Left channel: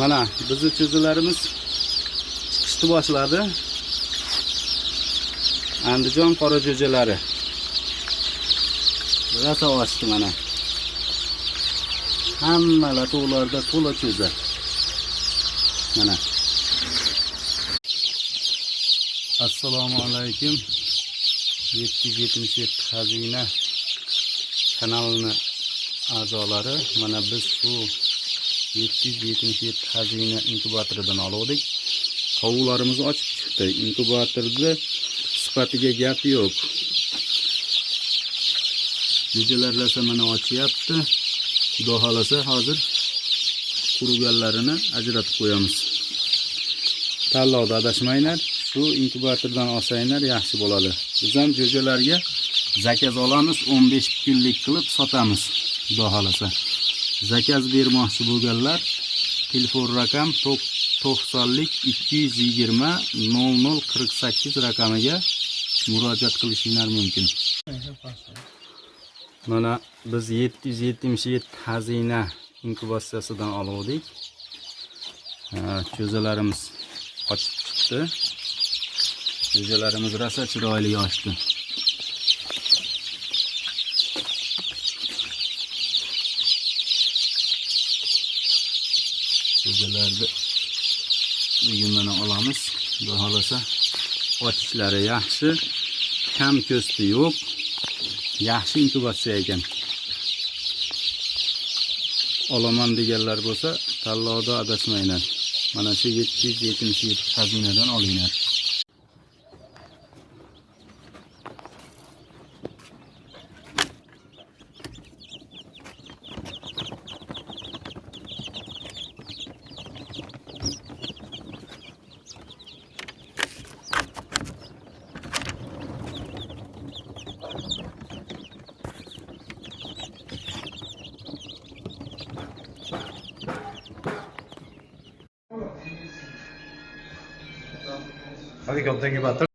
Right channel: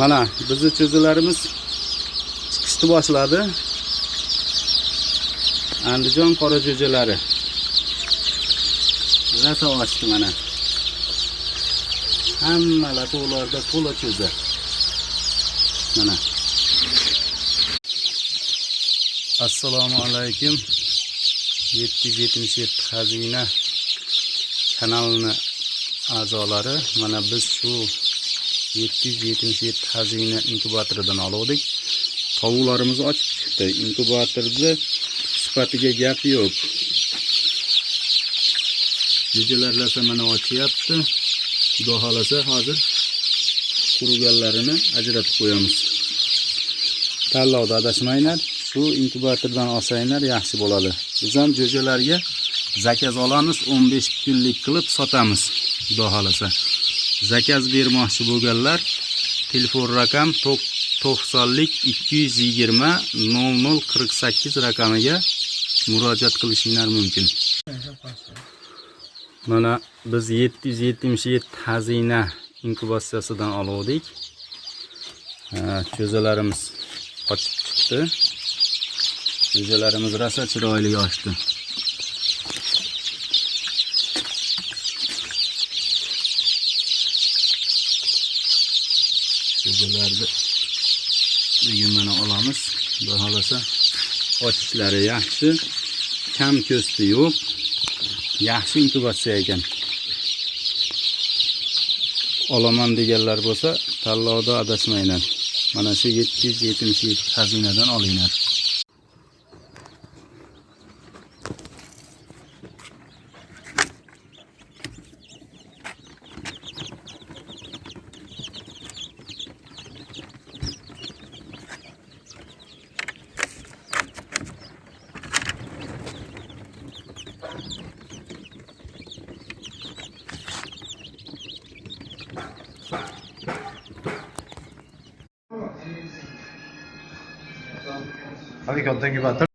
Mana bizni cho'zilarimiz chiqishni boshladi. Andijon qora jo'jalari. Rasa ochdi mana. Hamma lato'larda to'la cho'za. Mana. Assalomu alaykum. 777 xazina kanalini a'zolari, mana biz shu 777 xazina inkubatoridan oldik. Tovuqlarimiz ochib chiqdi. Inkubatorda sifatiga gap yo'q. Jo'jalarlasa mana ochyapti. Xudo xolasa hozir quruganlarini ajratib qo'yamiz. Tanlovda adashmanglar. Shu inkubatordan olsanglar yaxshi bo'ladi. Biz ham jo'jalarga zakaz olamiz, 15 kunlik qilib sotamiz. Xudo xolasa. Zakaz bermoqchi bo'lganlar telefon raqam 90lik 220 0048 raqamiga murojaat qilishingiz mumkin. Mana biz 777 xazina inkubatsiyasidan oldik. Cho'zalarimiz ochib chiqdi. Jo'jalarimiz rosa chiroyli ochdi. Jo'jalarni bugun mana olamiz. Xudo xolasa ochishlari yaxshi, kam ko'sti yo'q. Yaxshi inkubatsiya ekan. Olaman deganlar bo'lsa, tanlovda adashmanglar. Mana shu 777 xazinadan olinglar. Hadi konten gibi